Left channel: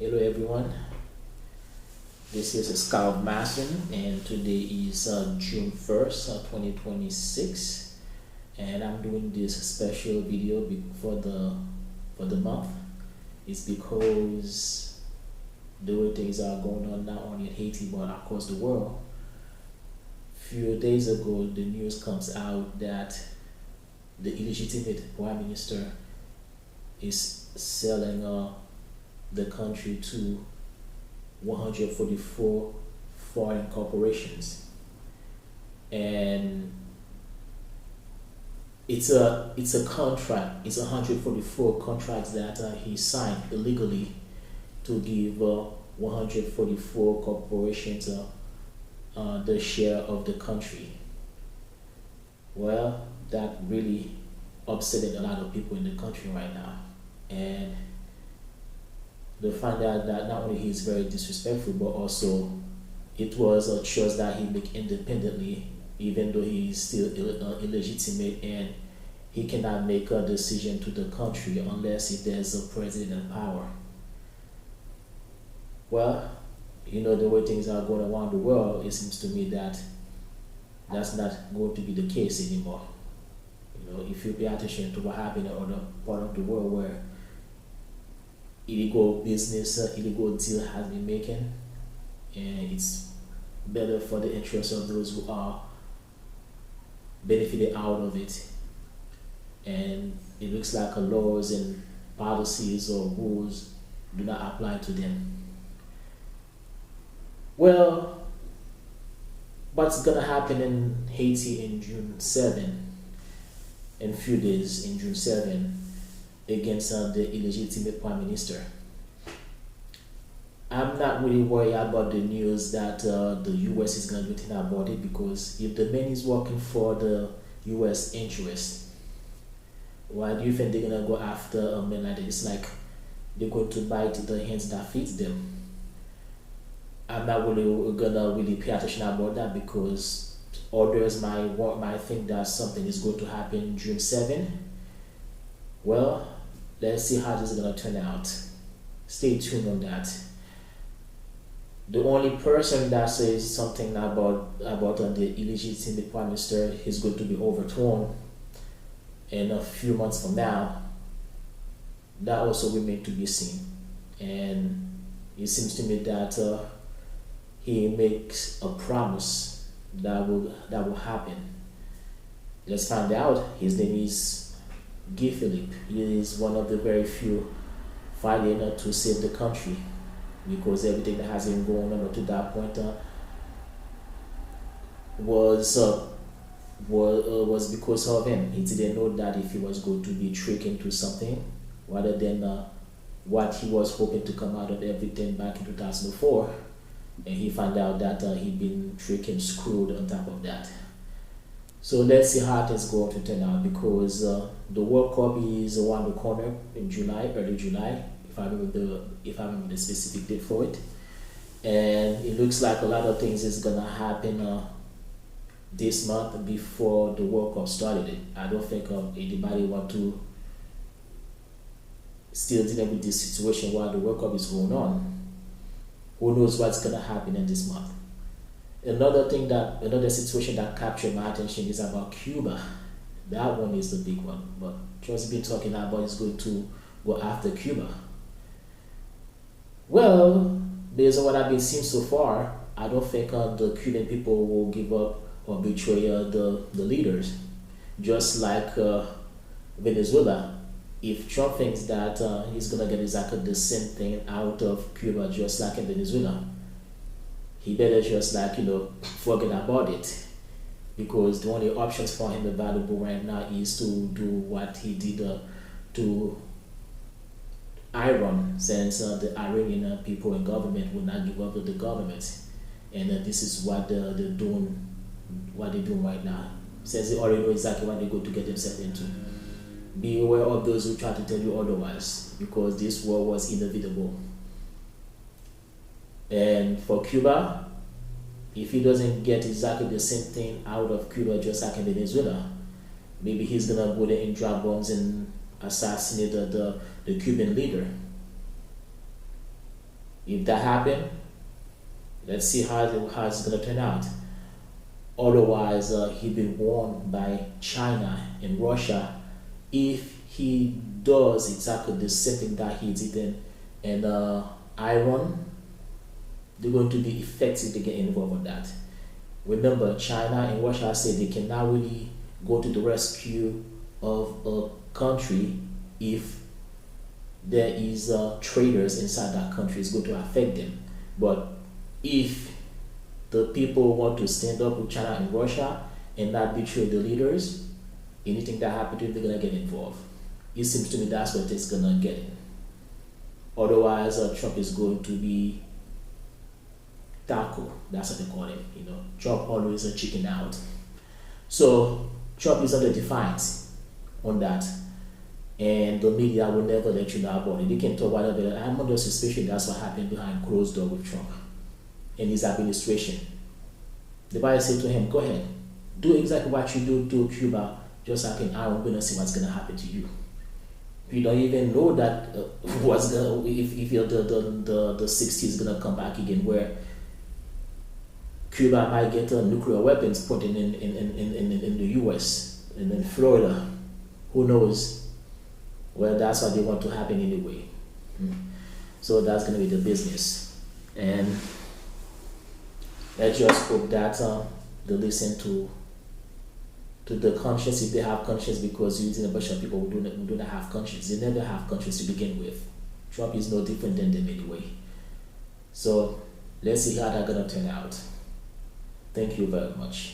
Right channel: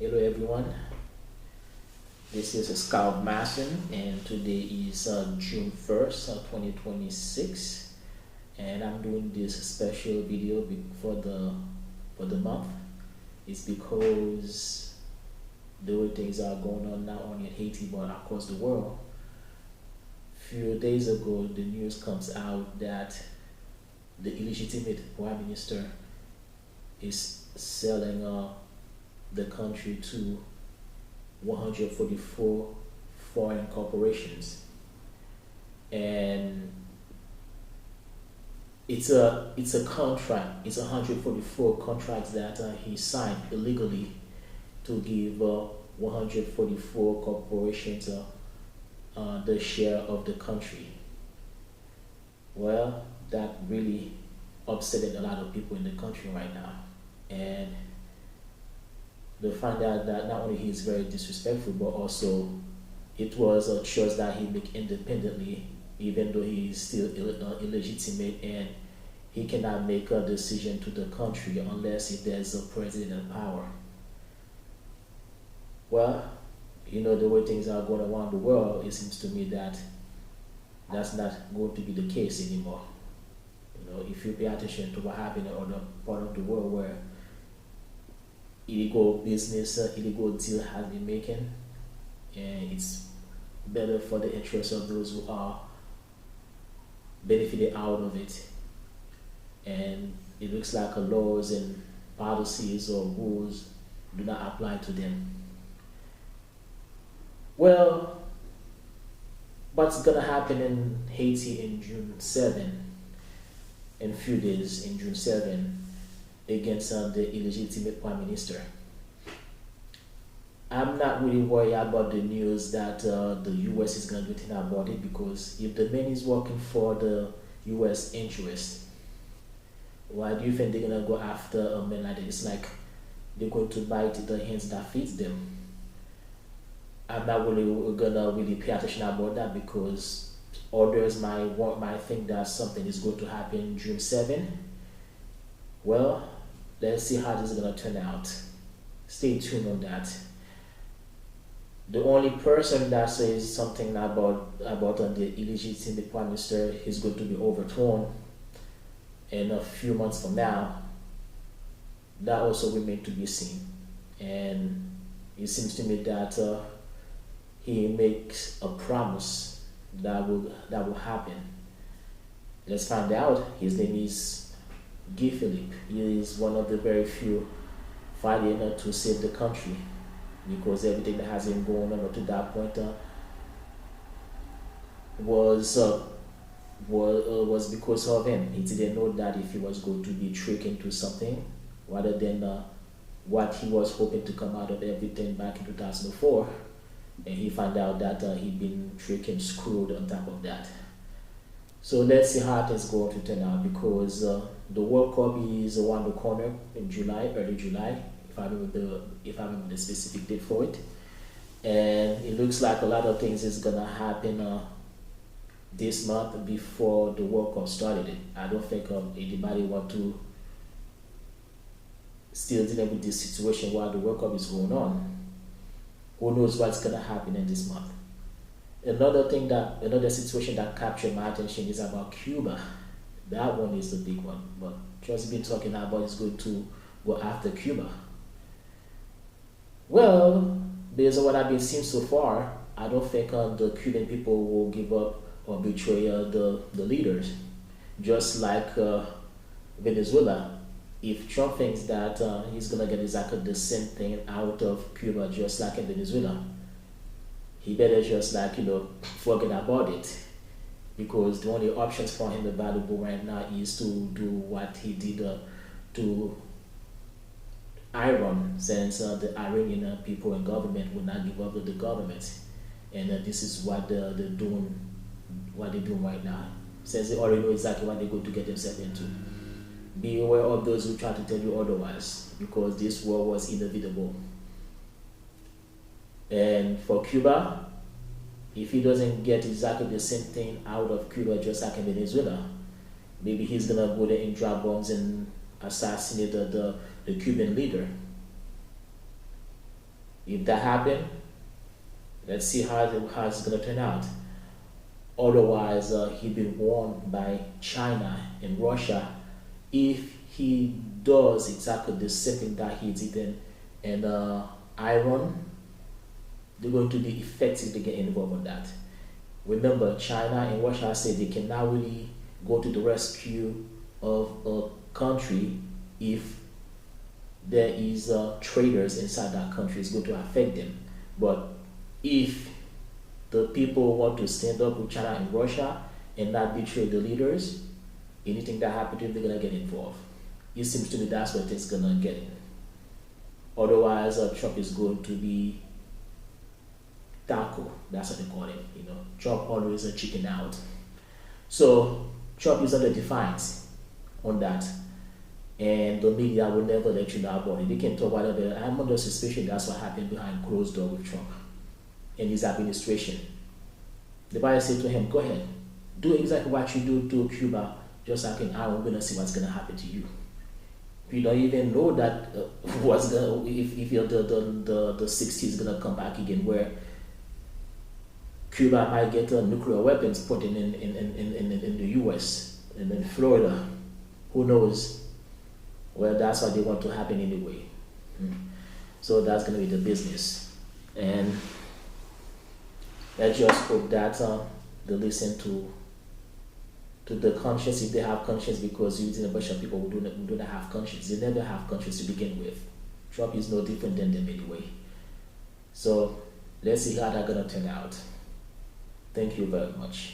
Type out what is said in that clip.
Hello everyone, this is Scout Masson and today is June 1st, 2026, and I'm doing this special video for the month. It's because the way things are going on not only in Haiti but across the world. Few days ago the news comes out that the illegitimate prime minister is selling the country to 144 foreign corporations, and it's a contract. It's 144 contracts that he signed illegally to give 144 corporations the share of the country. Well, that really upsetting a lot of people in the country right now, and they find out that not only he is very disrespectful, but also it was a choice that he made independently, even though he is still illegitimate and he cannot make a decision to the country unless if there's a president in power. Well, you know, the way things are going around the world, it seems to me that that's not going to be the case anymore. You know, if you pay attention to what happened in other part of the world where illegal business, illegal deal has been making, and it's better for the interests of those who are benefited out of it. And it looks like laws and policies or rules do not apply to them. Well, what's gonna happen in Haiti in June 7, in a few days in June 7, against the illegitimate prime minister? I'm not really worried about the news that the US is going to do anything about it, because if the man is working for the US interest, why do you think they're going to go after a man like that? It's like they're going to bite the hands that feeds them. I'm not really going to really pay attention about that, because others might think that something is going to happen June 7. Well, let's see how this is going to turn out. Stay tuned on that. The only person that says something about the illegitimate prime minister is going to be overthrown in a few months from now, that also remains to be seen. And it seems to me that he makes a promise that will happen. Let's find out. His name is Guy Philippe. He is one of the very few fighting to save the country, because everything that has been going on up to that point was because of him. He didn't know that if he was going to be tricked into something, rather than what he was hoping to come out of everything back in 2004, and he found out that he'd been tricked and screwed on top of that. So let's see how things going to turn out, because the World Cup is around the corner in July, early July, if I remember the specific date for it. And it looks like a lot of things is gonna happen this month before the World Cup started. I don't think anybody want to still deal with this situation while the World Cup is going on. Who knows what's gonna happen in this month? Another situation that captured my attention is about Cuba. That one is the big one, but just been talking about is going to go after Cuba. Well, based on what I've been seeing so far, I don't think the Cuban people will give up or betray the leaders. Just like Venezuela, if Trump thinks that he's gonna get exactly the same thing out of Cuba, just like in Venezuela, he better just forget about it, because the only options for him available right now is to do what he did to Iran, since the Iranian people and government would not give up to the government, and this is what they're doing right now, since they already know exactly what they're going to get themselves into. Be aware of those who try to tell you otherwise, because this war was inevitable. And for Cuba, if he doesn't get exactly the same thing out of Cuba, just like in Venezuela, maybe he's gonna go there and drop bombs and assassinate the Cuban leader. If that happens, let's see how it's going to turn out. Otherwise, he'd been warned by China and Russia. If he does exactly the same thing that he did in Iran, they're going to be effective to get involved in that. Remember, China and Russia said they cannot really go to the rescue of a country if there is traders inside that country. It's going to affect them. But if the people want to stand up with China and Russia and not betray the leaders, anything that happens to them, they're going to get involved. It seems to me that's what it's going to get in. Otherwise, Trump is going to be taco. That's what they call him. Trump always a chicken out. So Trump is under defiance on that. And the media will never let you know about it. They can talk about it. I'm under suspicion that's what happened behind closed door with Trump and his administration. The Bible said to him, go ahead, do exactly what you do to Cuba, just like I'm going to see what's going to happen to you. You don't even know that if you're the 60s is going to come back again, where Cuba might get nuclear weapons put in the U.S. and in Florida. Who knows? Well, that's what they want to happen anyway. So that's going to be the business. And let's just hope that they listen to the conscience, if they have conscience, because you're using a bunch of people who do not have conscience. They never have conscience to begin with. Trump is no different than them anyway. So let's see how that's going to turn out. Thank you very much.